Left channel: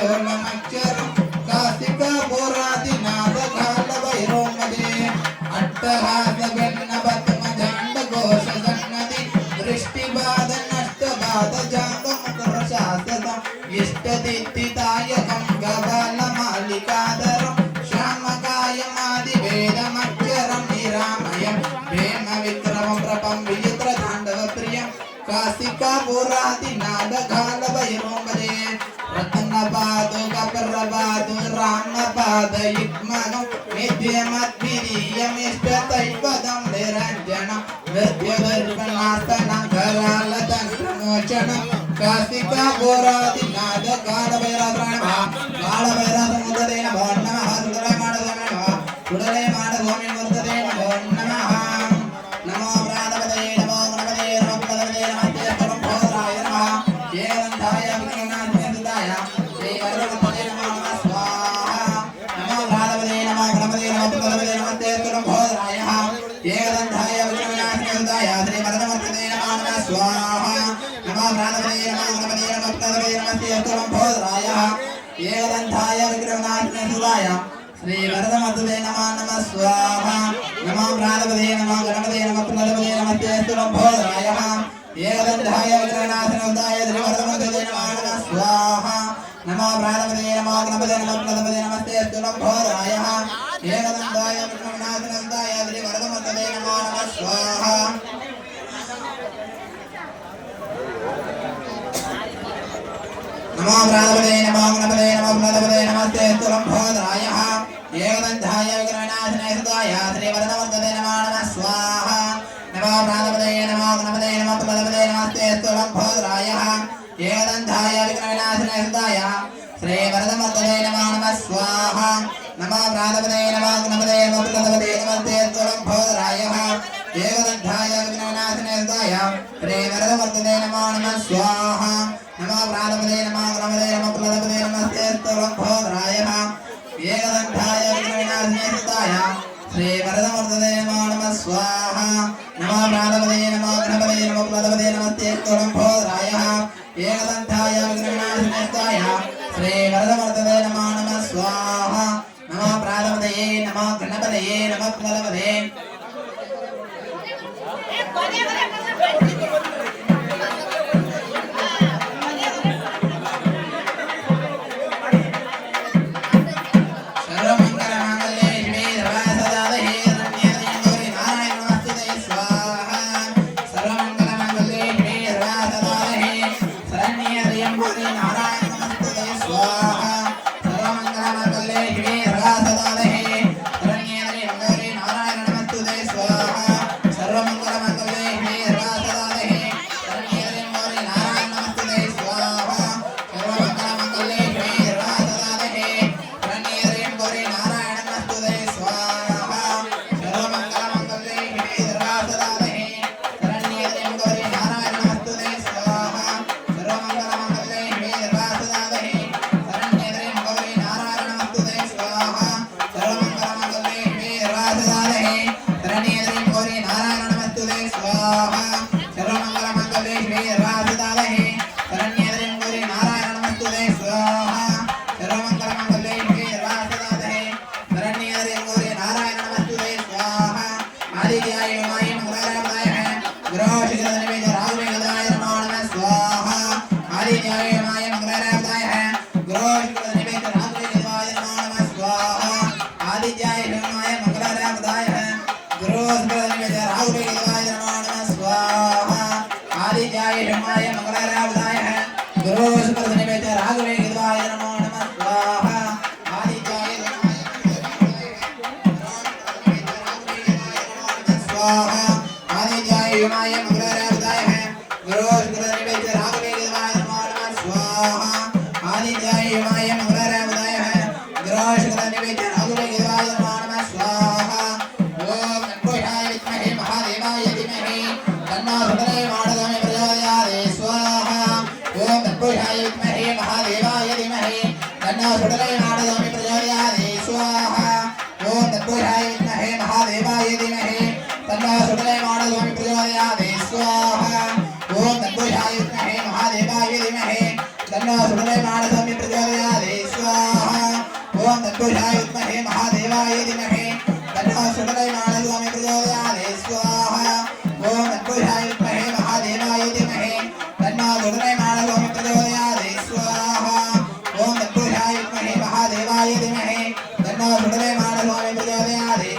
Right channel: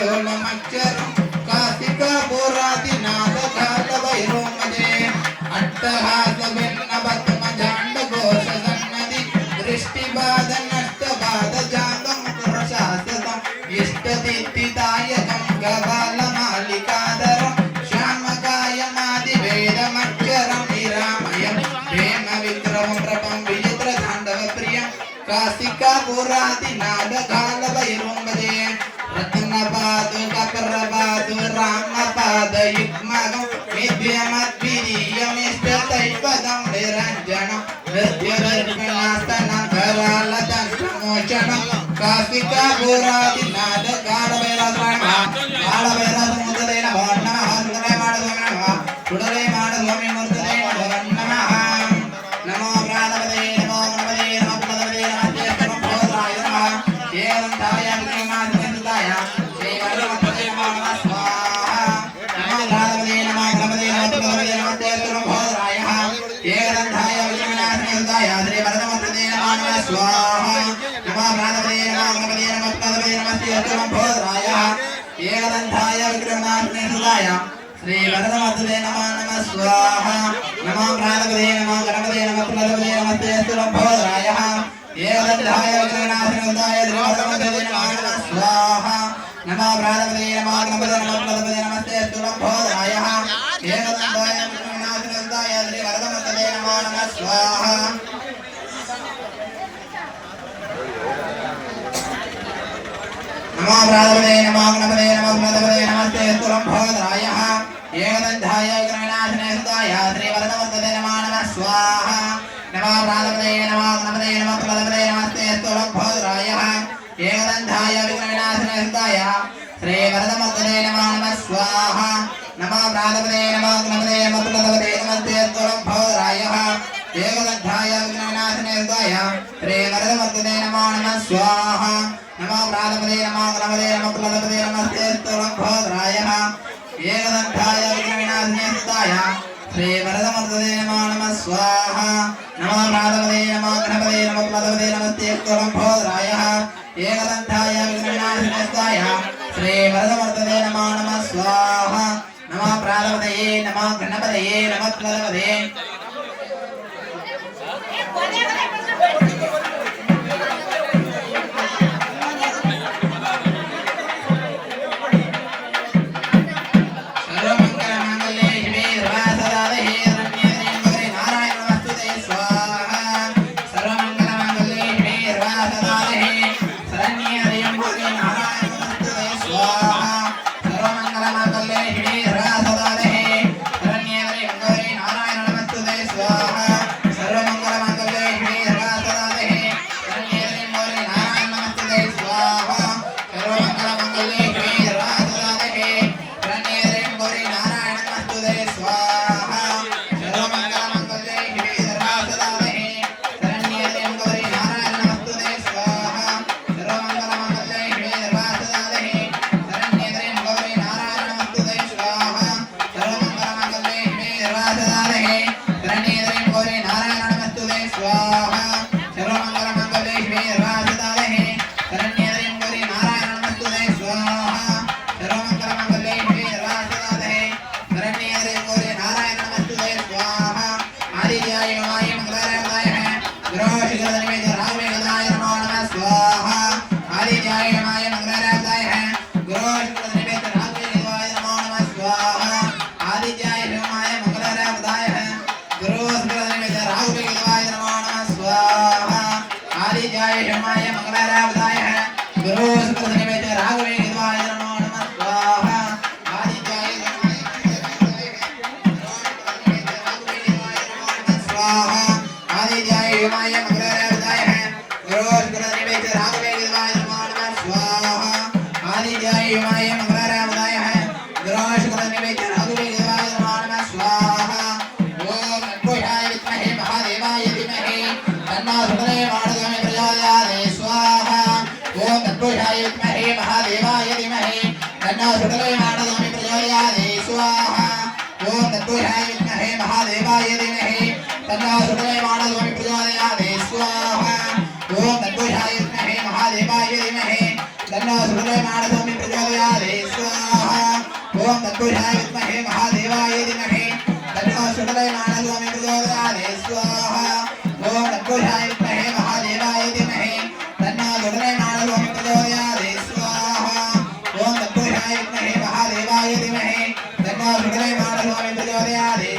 व्योममक्षरं कासिका बोरादिनाद कालभैरवमजे अट्टहासभिन्नपद्मजाण्डघोषसन्नदि दृष्टिबाधनष्टबाधजातमुखरशासकम् इष्टदित्तिदायकं गबालमालिकाधरं श्यामकायमादिवेदमक्षरं निरामयं प्रेमविक्रमं प्रपं विचित्रताण्डवप्रियं कासिका बोरादिनादकालभैरवमजे रत्नपादो ककरपादो रामपादयुग्मगं नित्यमद्वितीयमिष्टतैपदं निरञ्जनं नृत्यदर्पणास्तनं करालदंशमोचनं कासिका बोरादिनादकालभैरवाय कालभैरवमुदरे नमो नमः सुडले माडस्वामी मूर्तये नमो नमः नमो प्राणपदये नमो गणपतये नमो प्रदपदये नमस्ते सर्वभूताय नमः देवदन्ताय विघ्ननाशनाय श्रीवरदपदये नमः स्वाहा नमो प्राणपदये नमो गणपतये नमो प्रदपदये नमस्ते सर्वभूताय देवदन्ताय विघ्ननाशनाय श्रीवरदपदये नमः स्वाहा नमो प्राणपदये नमो गणपतये नमो प्रदपदये नमस्ते सर्वभूताय देवदन्ताय विघ्ननाशनाय श्रीवरदपदये नमः स्वाहा नमो प्राणपदये नमो गणपतये नमो प्रदपदये नमस्ते सर्वभूताय देवदन्ताय विघ्ननाशनाय श्रीवरदपदये नमः स्वाहा नमो प्राणपदये नमो गणपतये नमो प्रदपदये नमस्ते सर्वभूताय देवदन्ताय विघ्ननाशनाय श्रीवरदपदये नमः स्वाहा नमो प्राणपदये नमो गणपतये नमो प्रदपदये नमस्ते सर्वभूताय देवदन्ताय विघ्ननाशनाय श्रीवरदपदये नमः स्वाहा नमो प्राणपदये नमो गणपतये नमो प्रदपदये नमस्ते सर्वभूताय देवदन्ताय विघ्ननाशनाय श्रीवरदपदये नमः स्वाहा नमो प्राणपदये नमो गणपतये नमो प्रदपदये नमस्ते सर्वभूताय देवदन्ताय विघ्ननाशनाय श्रीवरदपदये नमः स्वाहा नमो प्राणपदये नमो गणपतये नमो प्रदपदये नमस्ते सर्वभूताय देवदन्ताय विघ्ननाशनाय श्रीवरदपदये नमः स्वाहा नमो प्राणपदये नमो गणपतये नमो प्रदपदये नमस्ते सर्वभूताय देवदन्ताय विघ्ननाशनाय श्रीवरदपदये नमः स्वाहा नमो प्राणपदये नमो गणपतये नमो प्रदपदये महादेवाय धीमहि तन्नो सुतलेनादयामि प्रचोदयात् स्वाहा ओम तत्पुरुषाय विद्महे महादेवाय धीमहि तन्नो सुतलेनादयामि प्रचोदयात् स्वाहा ओम तत्पुरुषाय विद्महे महादेवाय धीमहि तन्नो सुतलेनादयामि प्रचोदयात् तत्पुरुषाय विद्महे महादेवाय धीमहि तन्नो शुक्लयमानः स्वामी प्रचोदयात् स्वाहा ओम तत्पुरुषाय विद्महे महादेवाय धीमहि तन्नो शुक्लयमानः स्वामी प्रचोदयात् स्वाहा ओम तत्पुरुषाय विद्महे महादेवाय धीमहि तन्नो शुक्लयमानः स्वामी प्रचोदयात्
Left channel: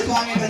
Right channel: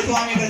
Swami